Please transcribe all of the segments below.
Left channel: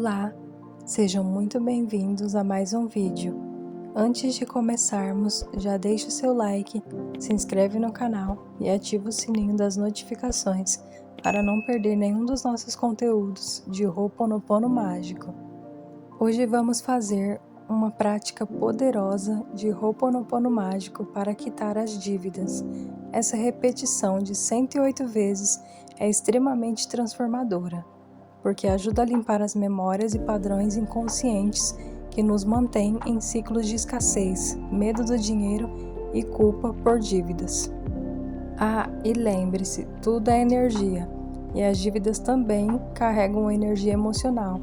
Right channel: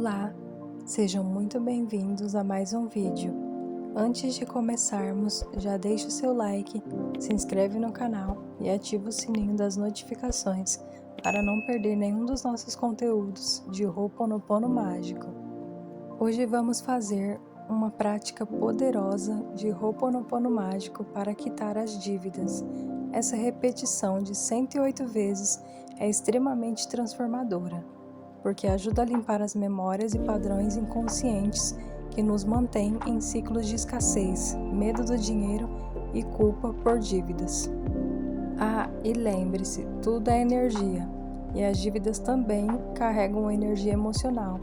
Olá, sejam muito bem-vindos a mais um vídeo. Antes de começarmos, já deixa o seu like, se inscreve no canal e ativa o sininho das notificações para não perder nenhum dos nossos conteúdos de Ho'oponopono mágico. Hoje vamos fazer uma prática poderosa de Ho'oponopono mágico para quitar as dívidas. Essa repetição de 108 vezes é extremamente transformadora, porque ajuda a limpar as memórias e padrões inconscientes que nos mantêm em ciclos de escassez, medo do dinheiro e culpa por dívidas. E lembre-se, tudo é energia, e as dívidas também carregam energia emocional,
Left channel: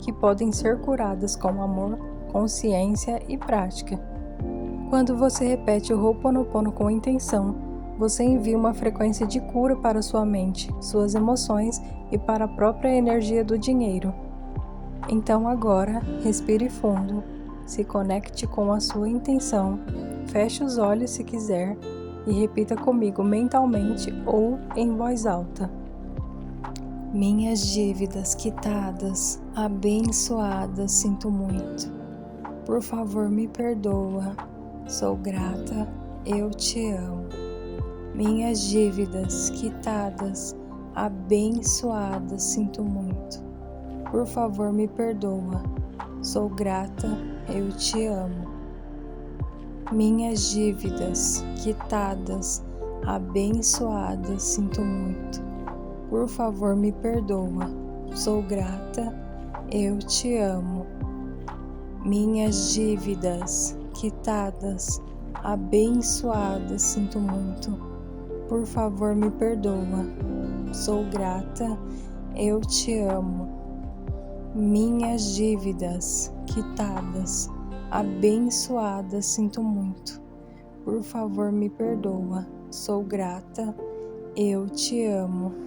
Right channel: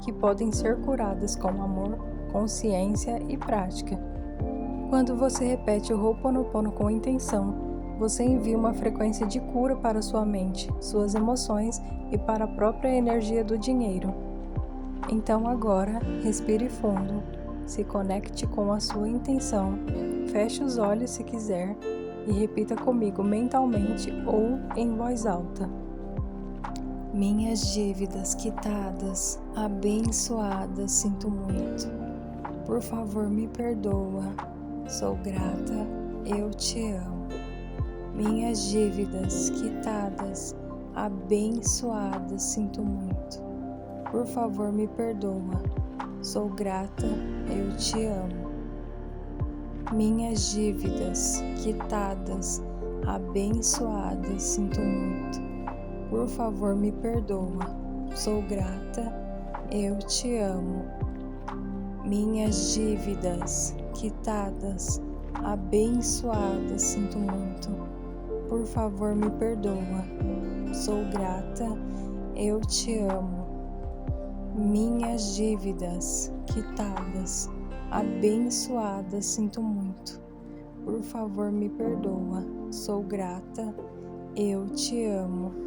que podem ser curadas com amor, consciência e prática. Quando você repete o Ho'oponopono com intenção, você envia uma frequência de cura para sua mente, suas emoções e para a própria energia do dinheiro. Então agora, respire fundo, se conecte com a sua intenção, feche os olhos se quiser e repita comigo mentalmente ou em voz alta. Minhas dívidas quitadas, abençoadas, sinto muito. Por favor, me perdoa. Sou grata, eu te amo. Minhas dívidas quitadas, abençoadas, sinto muito. Por favor, me perdoa. Sou grata, eu te amo. Minhas dívidas quitadas, abençoadas, sinto muito. Por favor, me perdoa. Sou grata, eu te amo. Minhas dívidas quitadas, abençoadas, sinto muito. Por favor, me perdoa. Sou grata, eu te amo. Minhas dívidas quitadas, abençoadas, sinto muito. Por favor, me perdoa. Sou grata, eu te amo.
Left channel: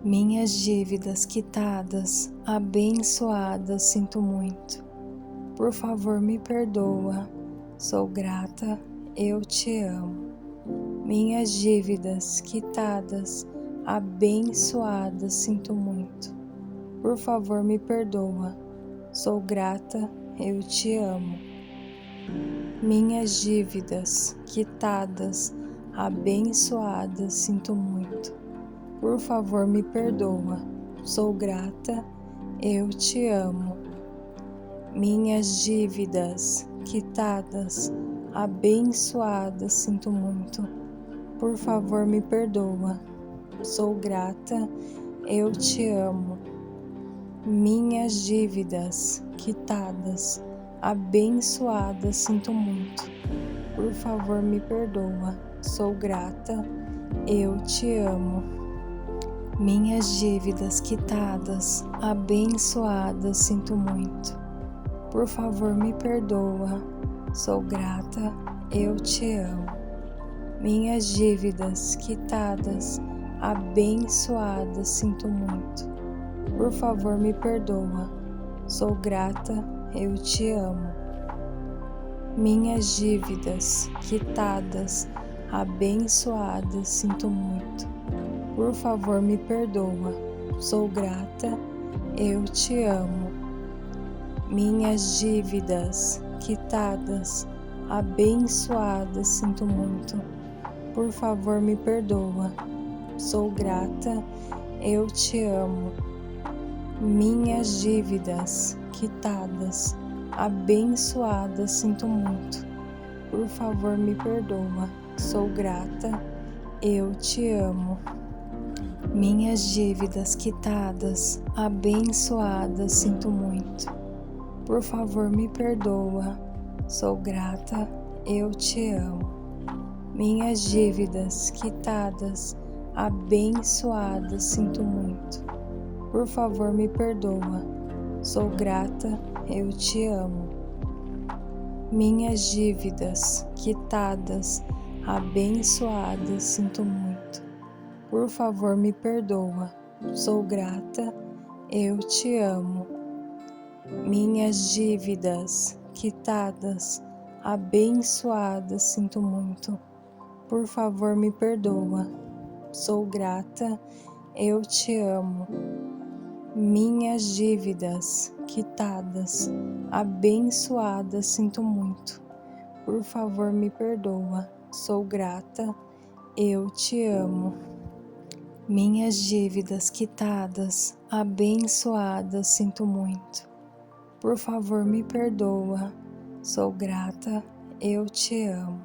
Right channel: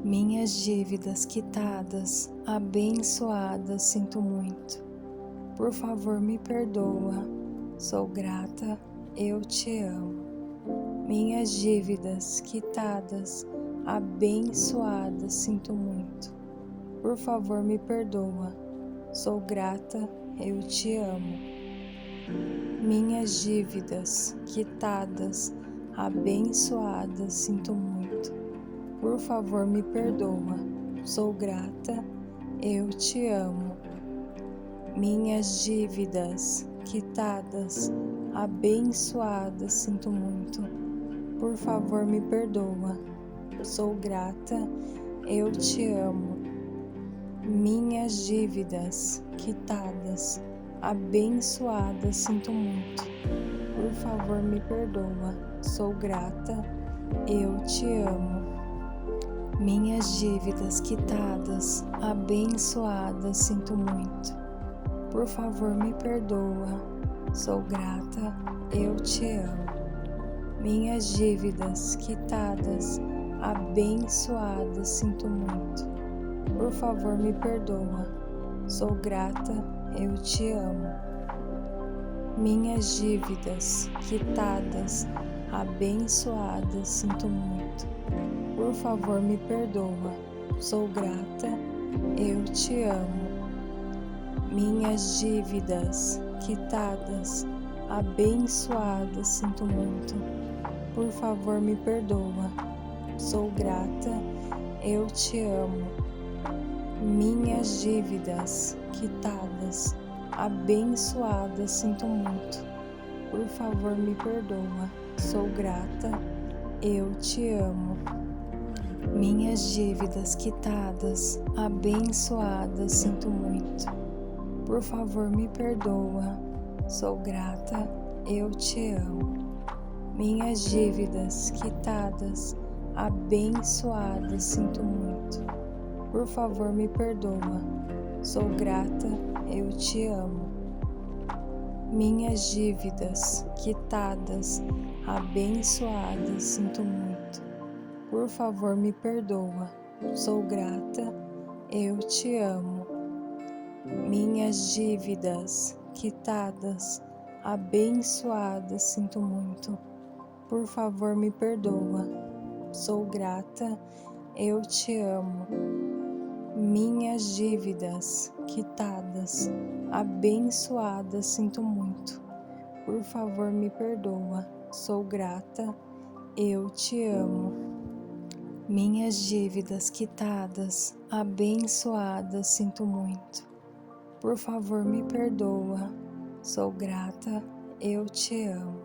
Minhas dívidas quitadas, abençoadas, sinto muito. Por favor, me perdoa. Sou grata, eu te amo. Minhas dívidas quitadas, abençoadas, sinto muito. Por favor, me perdoa. Sou grata, eu te amo. Minhas dívidas quitadas, abençoadas, sinto muito. Por favor, me perdoa. Sou grata, eu te amo. Minhas dívidas quitadas, abençoadas, sinto muito. Por favor, me perdoa. Sou grata, eu te amo. Minhas dívidas quitadas, abençoadas, sinto muito. Por favor, me perdoa. Sou grata, eu te amo. Minhas dívidas quitadas, abençoadas, sinto muito. Por favor, me perdoa. Sou grata, eu te amo. Minhas dívidas quitadas, abençoadas, sinto muito. Por favor, me perdoa. Sou grata, eu te amo. Minhas dívidas quitadas, abençoadas, sinto muito. Por favor, me perdoa. Sou grata, eu te amo. Minhas dívidas quitadas, abençoadas, sinto muito. Por favor, me perdoa. Sou grata, eu te amo. Minhas dívidas quitadas, abençoadas, sinto muito. Por favor, me perdoa. Sou grata, eu te amo. Minhas dívidas quitadas, abençoadas, sinto muito. Por favor, me perdoa. Sou grata, eu te amo. Minhas dívidas quitadas, abençoadas, sinto muito. Por favor, me perdoa. Sou grata, eu te amo. Minhas dívidas quitadas, abençoadas, sinto muito. Por favor, me perdoa. Sou grata, eu te amo. Minhas dívidas quitadas, abençoadas, sinto muito. Por favor, me perdoa. Sou grata, eu te amo. Minhas dívidas quitadas, abençoadas, sinto muito. Por favor, me perdoa, sou grata, eu te amo. Minhas dívidas quitadas, abençoadas, sinto muito. Por favor, me perdoa, sou grata, eu te amo.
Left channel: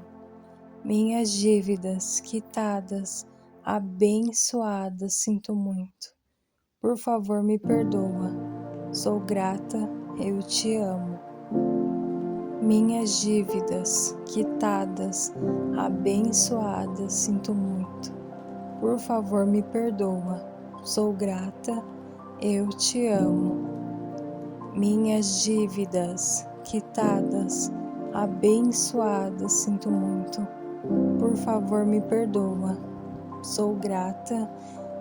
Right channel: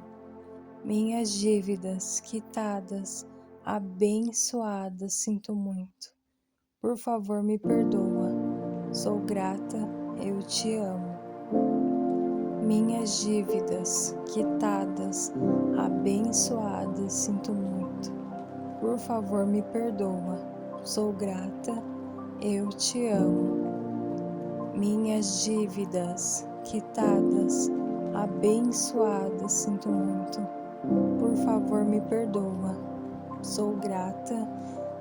Minhas dívidas quitadas, abençoadas, sinto muito. Por favor, me perdoa, sou grata, eu te amo. Minhas dívidas quitadas, abençoadas, sinto muito. Por favor, me perdoa, sou grata, eu te amo. Minhas dívidas quitadas, abençoadas, sinto muito. Por favor, me perdoa, sou grata,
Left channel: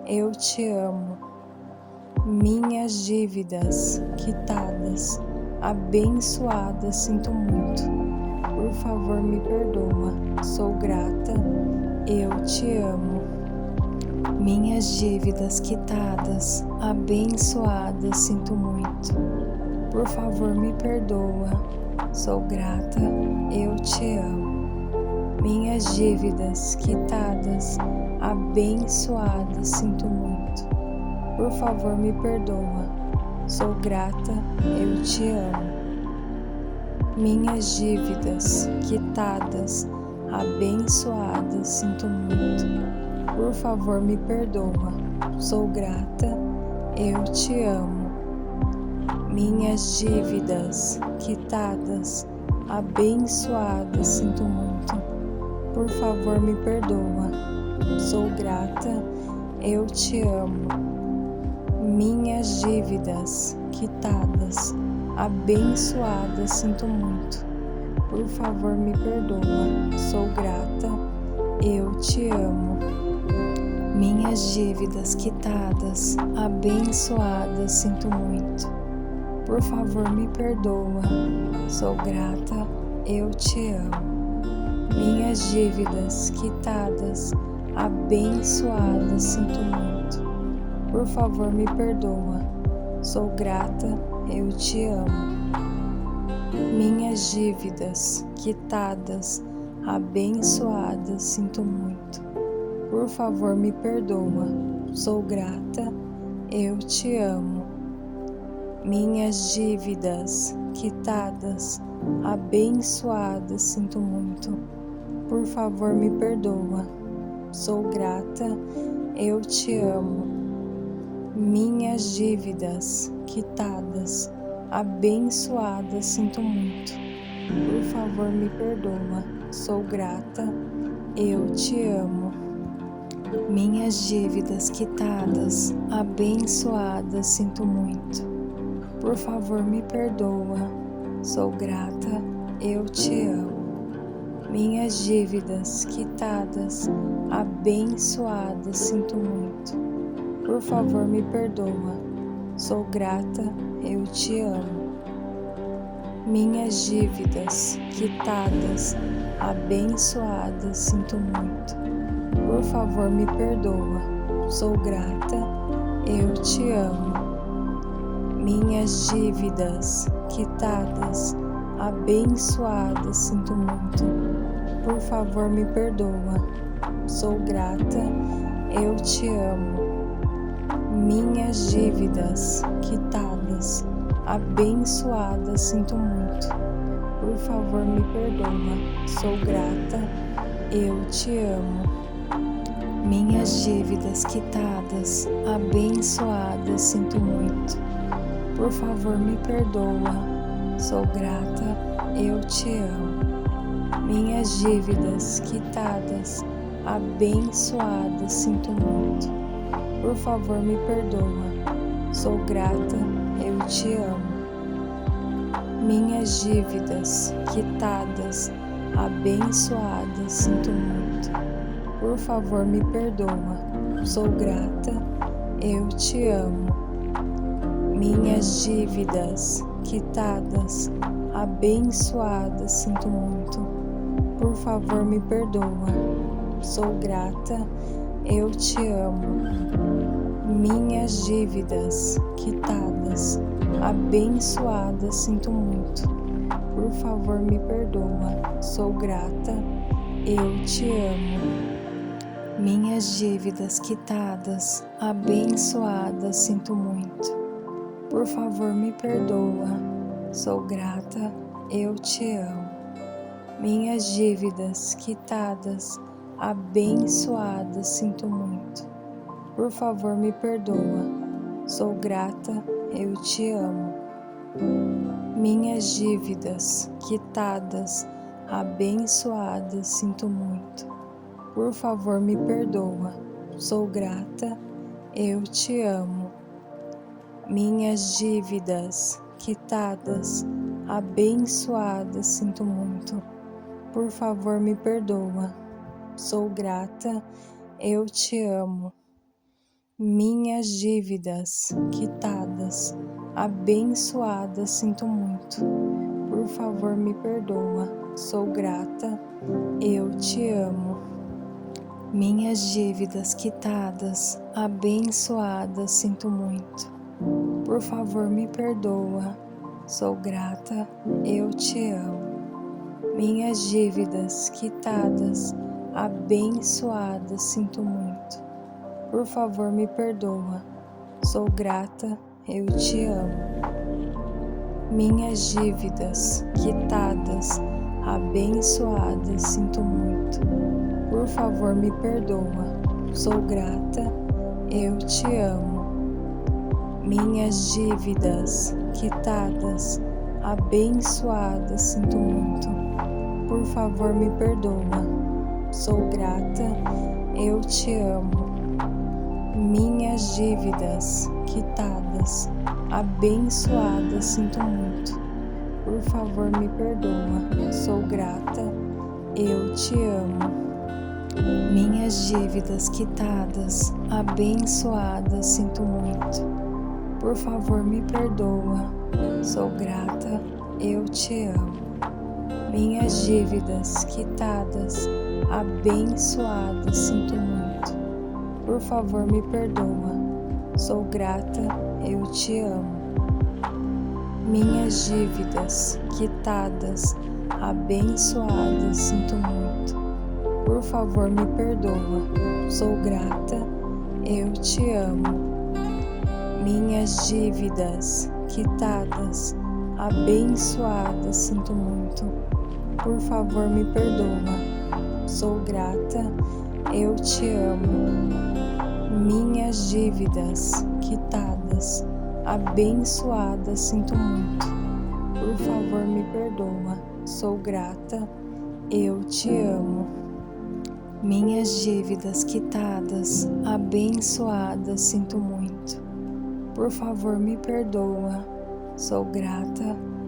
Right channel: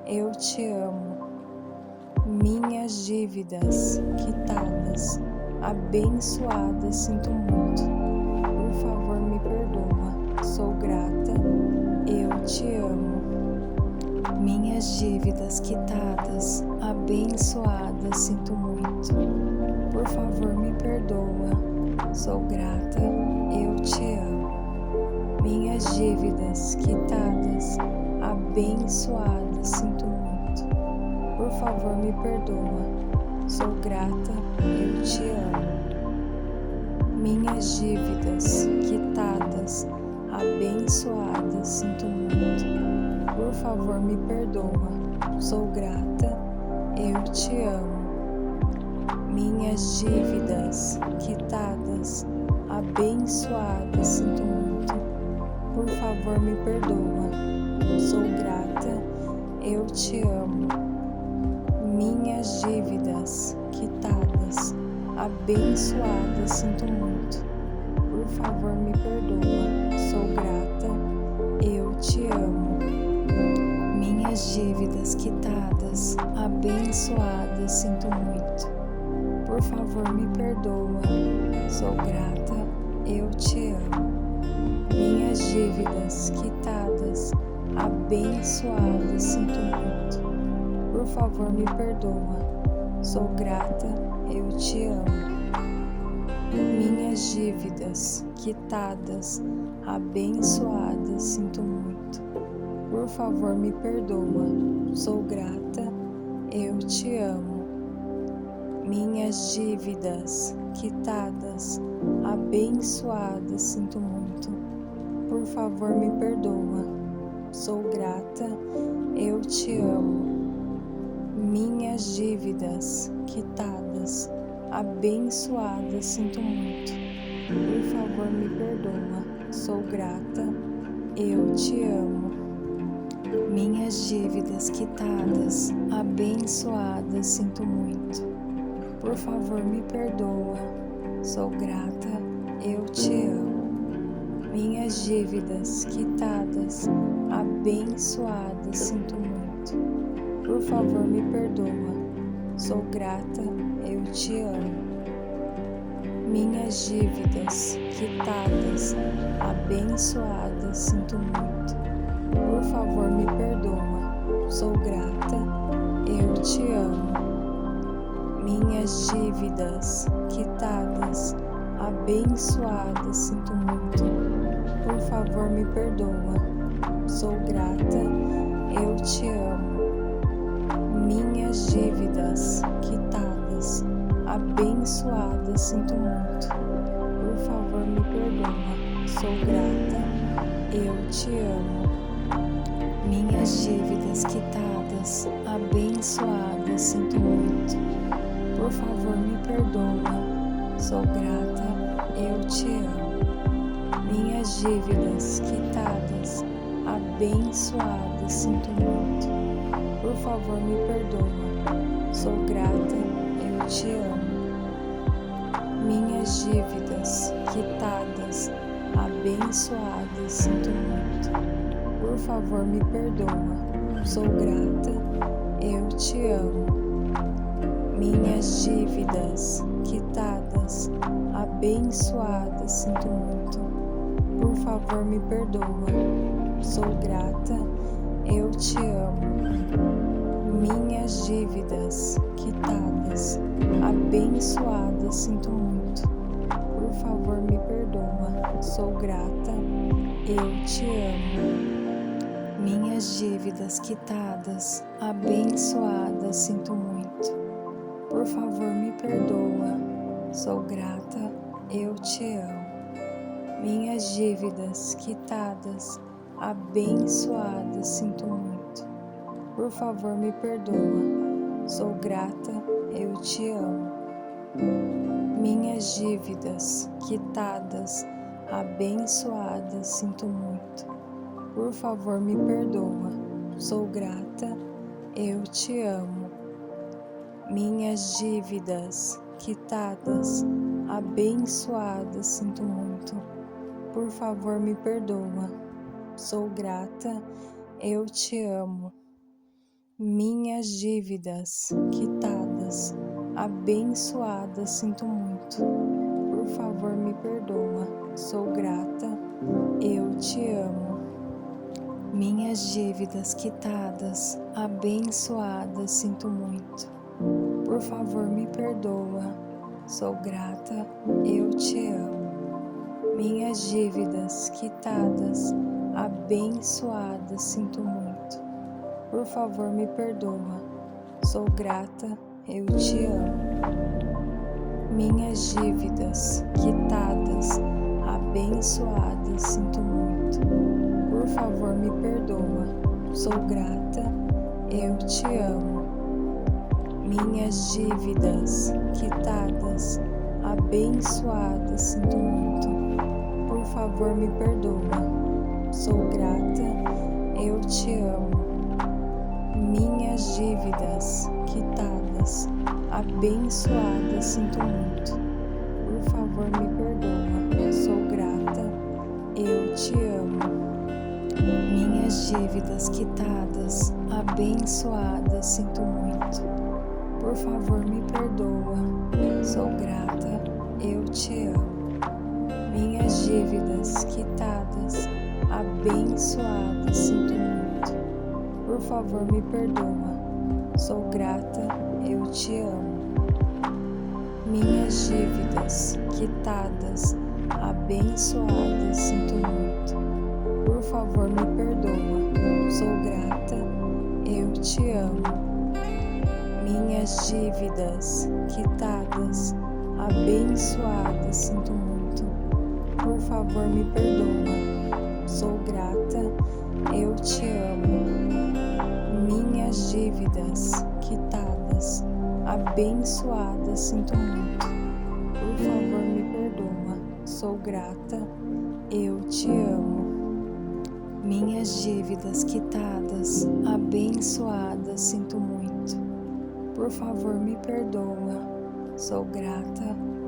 eu te amo. Minhas dívidas quitadas, abençoadas, sinto muito. Por favor, me perdoa, sou grata, eu te amo. Minhas dívidas quitadas, abençoadas, sinto muito. Por favor, me perdoa, sou grata, eu te amo. Minhas dívidas quitadas, abençoadas, sinto muito. Por favor, me perdoa, sou grata, eu te amo. Minhas dívidas quitadas, abençoadas, sinto muito. Por favor, me perdoa, sou grata, eu te amo. Minhas dívidas quitadas, abençoadas, sinto muito. Por favor, me perdoa, sou grata, eu te amo. Minhas dívidas quitadas, abençoadas, sinto muito. Por favor, me perdoa, sou grata, eu te amo. Minhas dívidas quitadas, abençoadas, sinto muito. Por favor, me perdoa, sou grata, eu te amo. Minhas dívidas quitadas, abençoadas, sinto muito. Por favor, me perdoa, sou grata, eu te amo. Minhas dívidas quitadas, abençoadas, sinto muito. Por favor, me perdoa, sou grata, eu te amo. Minhas dívidas quitadas, abençoadas, sinto muito. Por favor, me perdoa, sou grata, eu te amo. Minhas dívidas quitadas, abençoadas, sinto muito. Por favor, me perdoa, sou grata, eu te amo. Minhas dívidas quitadas, abençoadas, sinto muito. Por favor, me perdoa, sou grata, eu te amo. Minhas dívidas quitadas, abençoadas, sinto muito. Por favor, me perdoa, sou grata, eu te amo. Minhas dívidas quitadas, abençoadas, sinto muito. Por favor, me perdoa, sou grata, eu te amo. Minhas dívidas quitadas, abençoadas, sinto muito. Por favor, me perdoa, sou grata, eu te amo. Minhas dívidas quitadas, abençoadas, sinto muito. Por favor, me perdoa, sou grata, eu te amo. Minhas dívidas quitadas, abençoadas, sinto muito. Por favor, me perdoa, sou grata, eu te amo. Minhas dívidas quitadas, abençoadas, sinto muito. Por favor, me perdoa, sou grata, eu te amo. Minhas dívidas quitadas, abençoadas, sinto muito. Por favor, me perdoa, sou grata, eu te amo. Minhas dívidas quitadas, abençoadas, sinto muito. Por favor, me perdoa, sou grata, eu te amo. Minhas dívidas quitadas, abençoadas, sinto muito. Por favor, me perdoa, sou grata, eu te amo. Minhas dívidas quitadas, abençoadas, sinto muito. Por favor, me perdoa, sou grata, eu te amo. Minhas dívidas quitadas, abençoadas, sinto muito. Por favor, me perdoa, sou grata, eu te amo. Minhas dívidas quitadas, abençoadas, sinto muito. Por favor, me perdoa, sou grata, eu te amo. Minhas dívidas quitadas, abençoadas, sinto muito. Por favor, me perdoa, sou grata, eu te amo. Minhas dívidas quitadas, abençoadas, sinto muito. Por favor, me perdoa, sou grata, eu te amo. Minhas dívidas quitadas, abençoadas, sinto muito. Por favor, me perdoa, sou grata, eu te amo. Minhas dívidas quitadas, abençoadas, sinto muito. Por favor, me perdoa, sou grata, eu te amo. Minhas dívidas quitadas, abençoadas, sinto muito. Por favor, me perdoa, sou grata, eu te amo. Minhas dívidas quitadas, abençoadas, sinto muito. Por favor, me perdoa, sou grata, eu te amo. Minhas dívidas quitadas, abençoadas, sinto muito. Por favor, me perdoa, sou grata, eu te amo. Minhas dívidas quitadas, abençoadas, sinto muito. Por favor, me perdoa, sou grata, eu te amo. Minhas dívidas quitadas, abençoadas, sinto muito. Por favor, me perdoa, sou grata, eu te amo. Minhas dívidas quitadas, abençoadas, sinto muito. Por favor, me perdoa, sou grata, eu te amo. Minhas dívidas quitadas, abençoadas, sinto muito. Por favor, me perdoa, sou grata, eu te amo. Minhas dívidas quitadas, abençoadas, sinto muito. Por favor, me perdoa, sou grata, eu te amo. Minhas dívidas quitadas, abençoadas, sinto muito. Por favor, me perdoa, sou grata,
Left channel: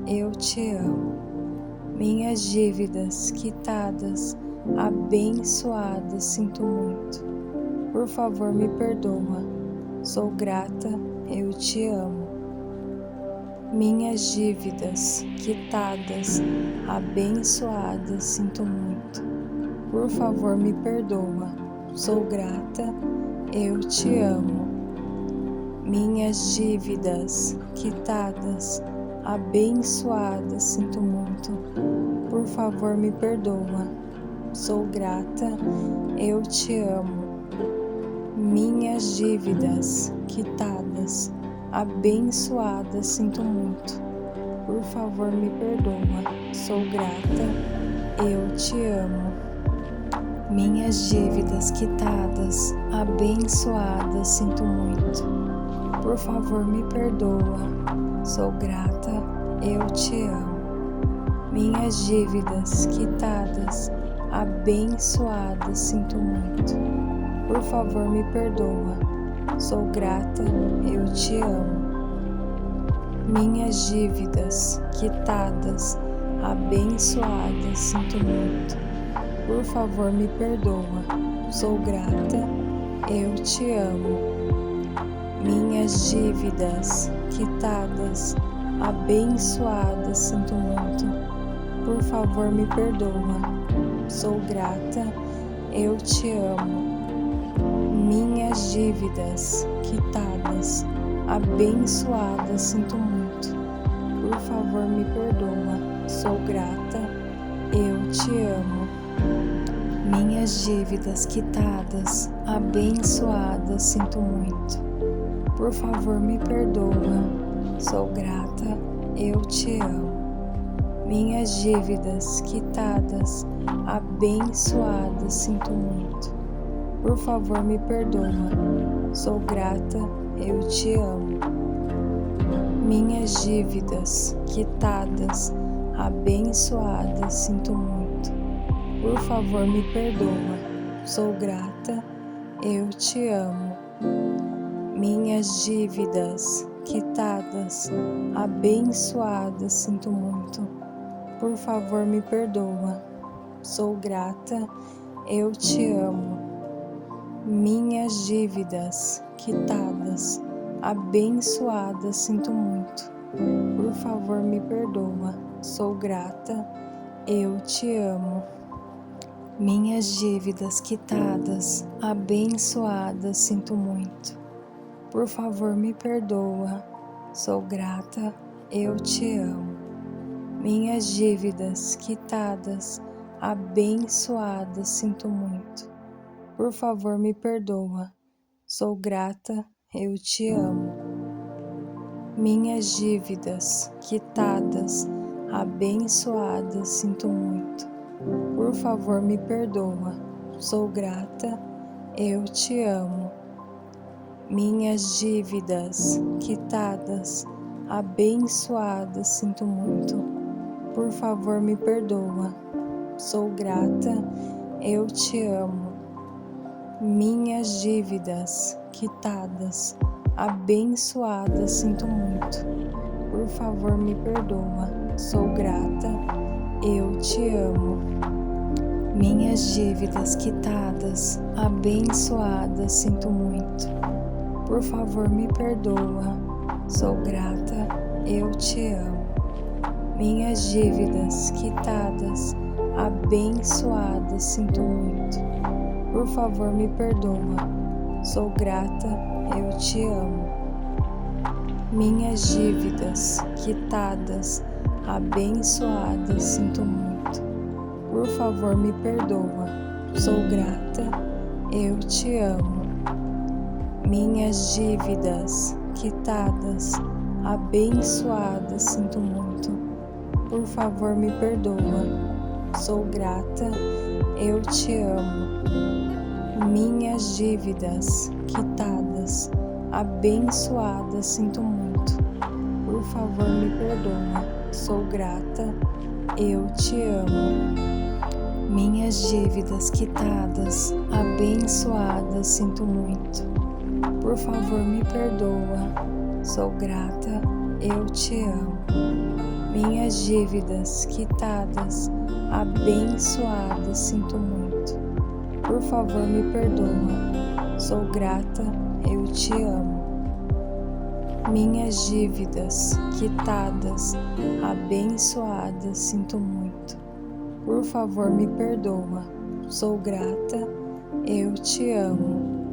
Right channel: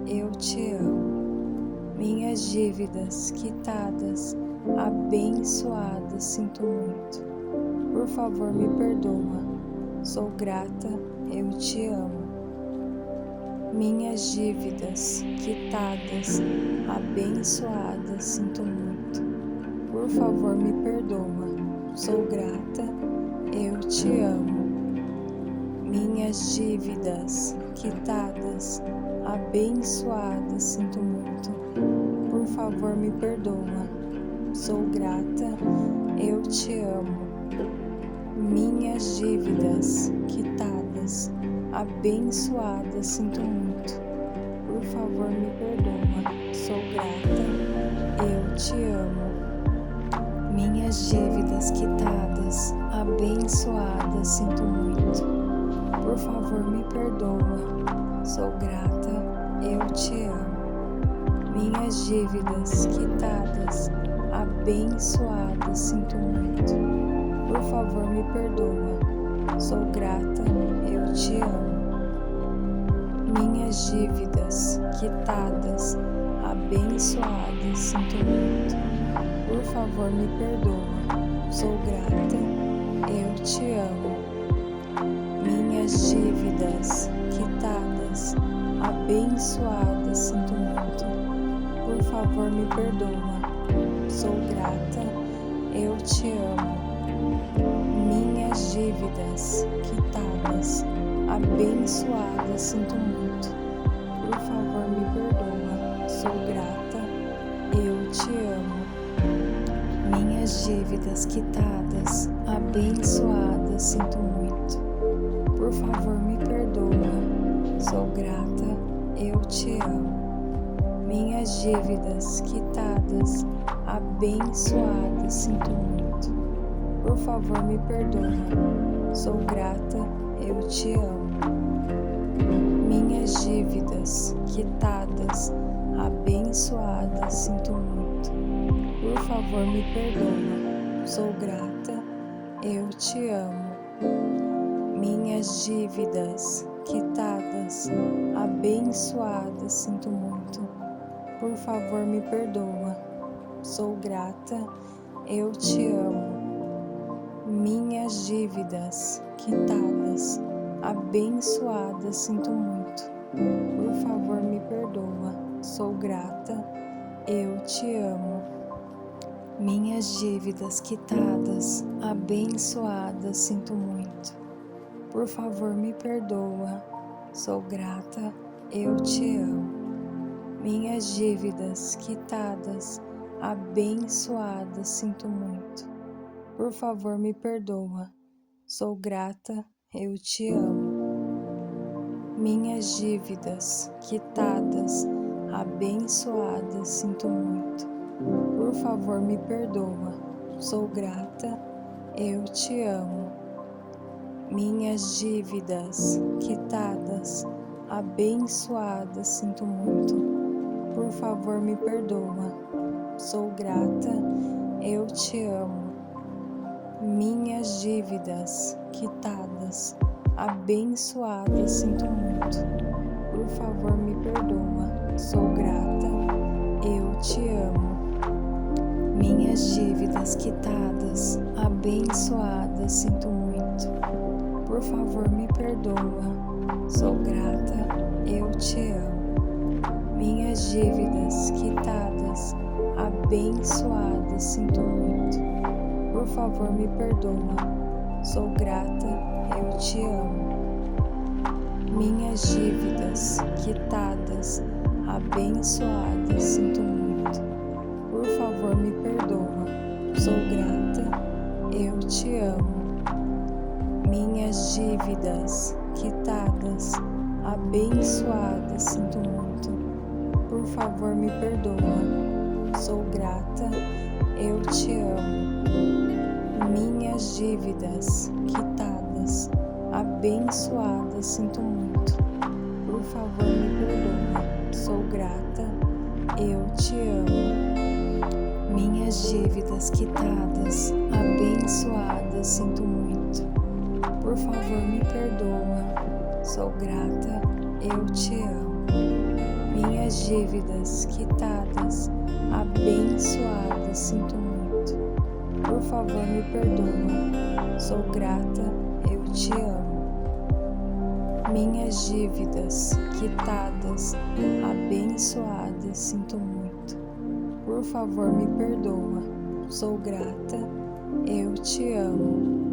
eu te amo. Minhas dívidas quitadas, abençoadas, sinto muito. Por favor, me perdoa, sou grata, eu te amo. Minhas dívidas quitadas, abençoadas, sinto muito. Por favor, me perdoa, sou grata, eu te amo. Minhas dívidas quitadas, abençoadas, sinto muito. Por favor, me perdoa, sou grata, eu te amo. Minhas dívidas quitadas, abençoadas, sinto muito. Por favor, me perdoa, sou grata, eu te amo. Minhas dívidas quitadas, abençoadas, sinto muito. Por favor, me perdoa, sou grata, eu te amo. Minhas dívidas quitadas, abençoadas, sinto muito. Por favor, me perdoa, sou grata, eu te amo. Minhas dívidas quitadas, abençoadas, sinto muito. Por favor, me perdoa, sou grata, eu te amo. Minhas dívidas quitadas, abençoadas, sinto muito. Por favor, me perdoa, sou grata, eu te amo. Minhas dívidas quitadas, abençoada, sinto muito. Por favor, me perdoa, sou grata, eu te amo. Minhas dívidas quitadas, abençoada, sinto muito. Por favor, me perdoa, sou grata, eu te amo. Minhas dívidas quitadas, abençoada, sinto muito. Por favor, me perdoa, sou grata, eu te amo. Minhas dívidas quitadas, abençoada, sinto muito. Por favor, me perdoa, sou grata, eu te amo. Minhas dívidas quitadas, abençoada, sinto muito. Por favor, me perdoa, sou grata, eu te amo. Minhas dívidas quitadas, abençoada, sinto muito. Por favor, me perdoa, sou grata, eu te amo. Minhas dívidas quitadas, abençoada, sinto muito. Por favor, me perdoa, sou grata, eu te amo. Minhas dívidas quitadas, abençoada, sinto muito. Por favor, me perdoa, sou grata, eu te amo. Minhas dívidas quitadas, abençoada, sinto muito. Por favor, me perdoa, sou grata, eu te amo. Minhas dívidas quitadas, abençoada, sinto muito. Por favor, me perdoa, sou grata, eu te amo. Minhas dívidas quitadas, abençoada, sinto muito. Por favor, me perdoa, sou grata, eu te amo. Minhas dívidas quitadas, abençoada, sinto muito. Por favor, me perdoa, sou grata, eu te amo. Minhas dívidas quitadas, abençoada, sinto muito. Por favor, me perdoa, sou grata, eu te amo. Minhas dívidas quitadas, abençoada, sinto muito. Por favor, me perdoa, sou grata, eu te amo. Minhas dívidas quitadas, abençoada, sinto muito. Por favor, me perdoa, sou grata, eu te amo. Minhas dívidas quitadas, abençoada, sinto muito. Por favor, me perdoa, sou grata, eu te amo. Minhas dívidas quitadas, abençoada, sinto muito. Por favor, me perdoa, sou grata, eu te amo. Minhas dívidas quitadas, abençoada, sinto muito. Por favor, me perdoa, sou grata, eu te amo. Minhas dívidas quitadas, abençoada, sinto muito. Por favor, me perdoa, sou grata, eu te amo.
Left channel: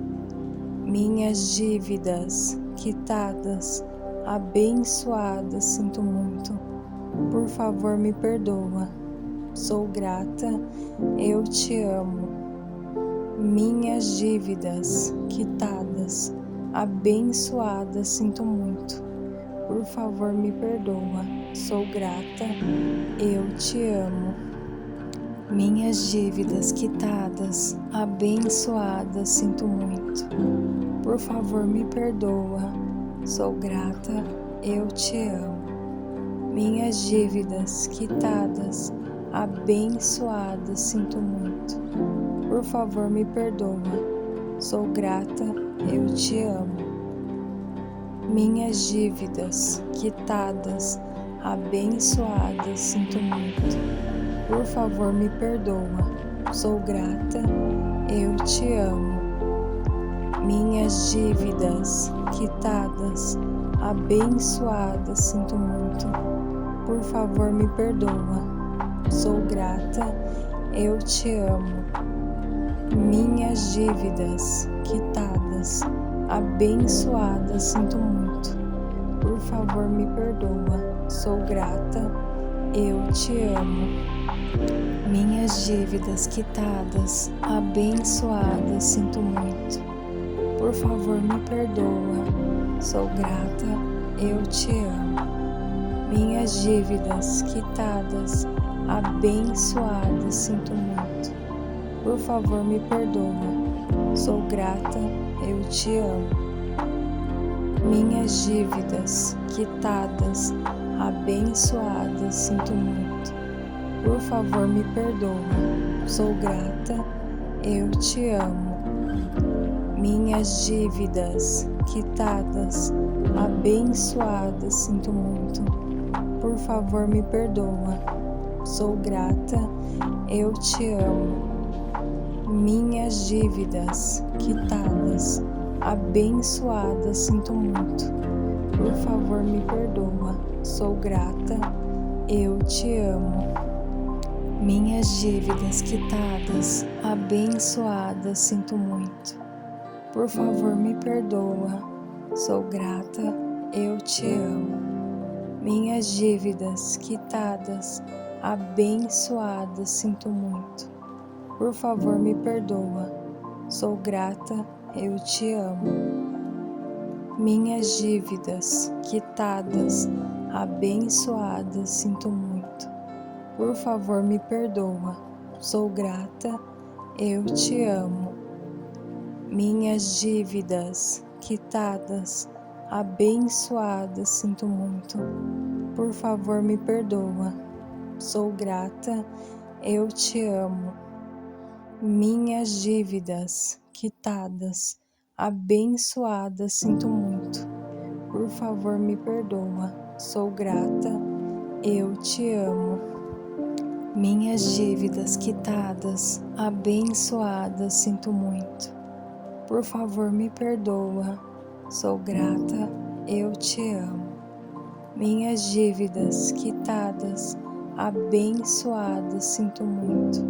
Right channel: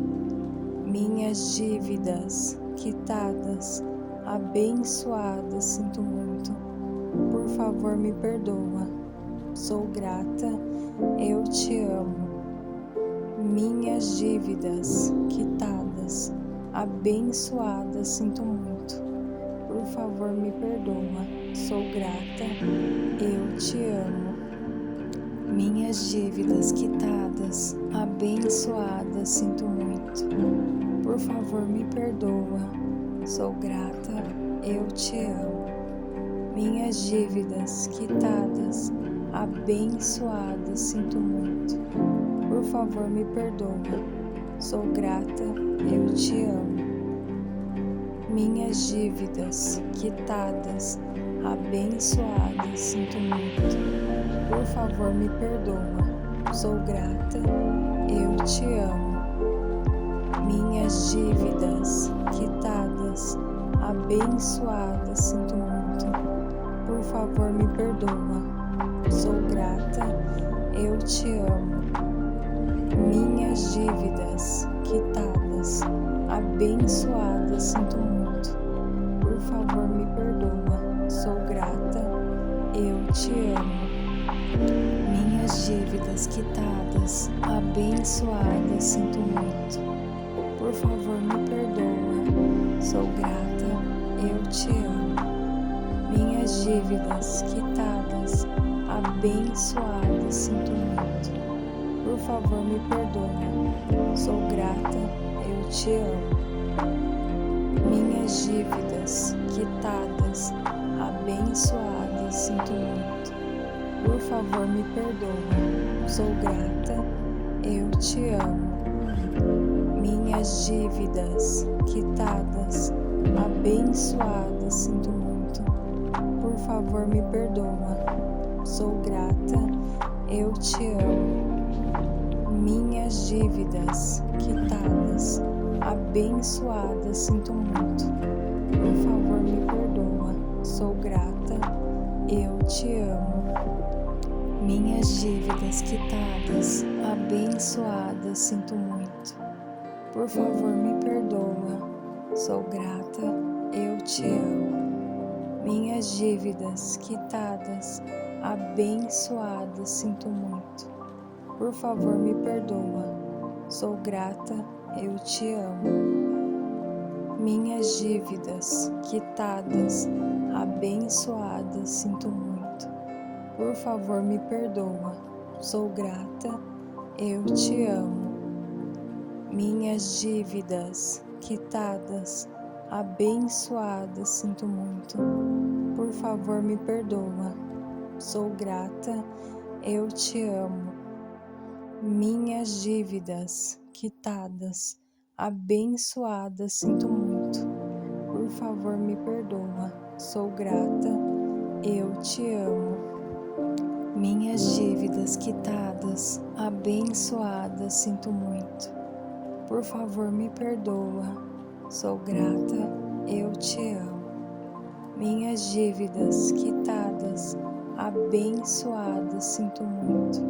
Minhas dívidas quitadas, abençoada, sinto muito. Por favor, me perdoa, sou grata, eu te amo. Minhas dívidas quitadas, abençoada, sinto muito. Por favor, me perdoa, sou grata, eu te amo. Minhas dívidas quitadas, abençoada, sinto muito. Por favor, me perdoa, sou grata, eu te amo. Minhas dívidas quitadas, abençoada, sinto muito. Por favor, me perdoa, sou grata, eu te amo. Minhas dívidas quitadas, abençoada, sinto muito. Por favor, me perdoa, sou grata, eu te amo. Minhas dívidas quitadas, abençoada, sinto muito. Por favor, me perdoa, sou grata, eu te amo. Minhas dívidas quitadas, abençoada, sinto muito. te amo. Minhas dívidas quitadas, abençoadas, sinto muito. Por favor, me perdoa. Sou grata, eu te amo. Minhas dívidas quitadas, abençoadas, sinto muito. Por favor, me perdoa. Sou grata, eu te amo. Minhas dívidas quitadas, abençoadas, sinto muito. Por favor, me perdoa. Sou grata, eu te amo. Minhas dívidas quitadas, abençoadas, sinto muito. Por favor, me perdoa. Sou grata, eu te amo. Minhas dívidas quitadas, abençoadas, sinto muito. Por favor, me perdoa. Sou grata, eu te amo. Minhas dívidas quitadas, abençoadas, sinto muito. Por favor, me perdoa. Sou grata, eu te amo. Minhas dívidas quitadas, abençoadas, sinto muito. Por favor, me perdoa. Sou grata, eu te amo. Minhas dívidas quitadas, abençoadas, sinto muito. Por favor, me perdoa. Sou grata, eu te amo. Minhas dívidas quitadas, abençoadas, sinto muito. Por favor, me perdoa. Sou grata, eu te amo. Minhas dívidas quitadas, abençoadas, sinto muito. Por favor, me perdoa. Sou grata, eu te amo. Minhas dívidas quitadas, abençoadas, sinto muito. Por favor, me perdoa. Sou grata, eu te amo. Minhas dívidas quitadas, abençoadas, sinto muito.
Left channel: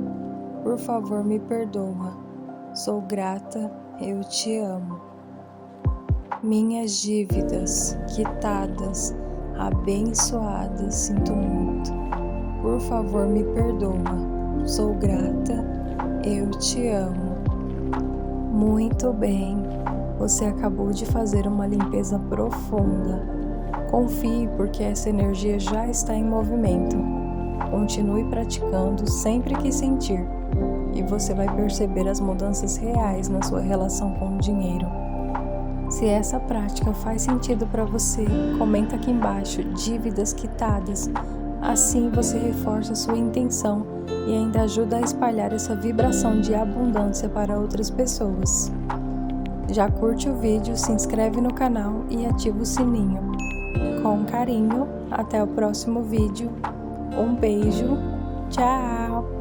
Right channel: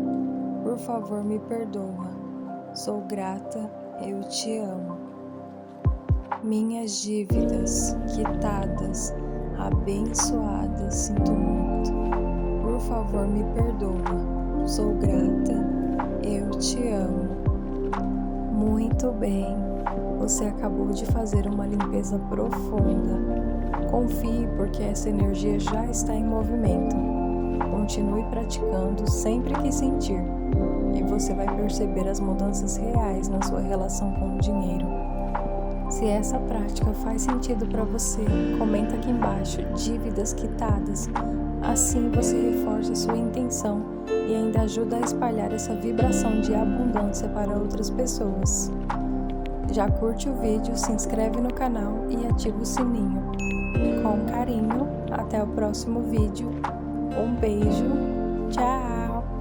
Por favor, me perdoa. Sou grata, eu te amo. Minhas dívidas quitadas, abençoadas, sinto muito. Por favor, me perdoa. Sou grata, eu te amo. Muito bem, você acabou de fazer uma limpeza profunda. Confie, porque essa energia já está em movimento. Continue praticando sempre que sentir, e você vai perceber as mudanças reais na sua relação com o dinheiro. Se essa prática faz sentido para você, comenta aqui embaixo dívidas quitadas. Assim você reforça sua intenção e ainda ajuda a espalhar essa vibração de abundância para outras pessoas. Já curte o vídeo, se inscreve no canal e ativa o sininho. Com carinho, até o próximo vídeo. Um beijo, tchau!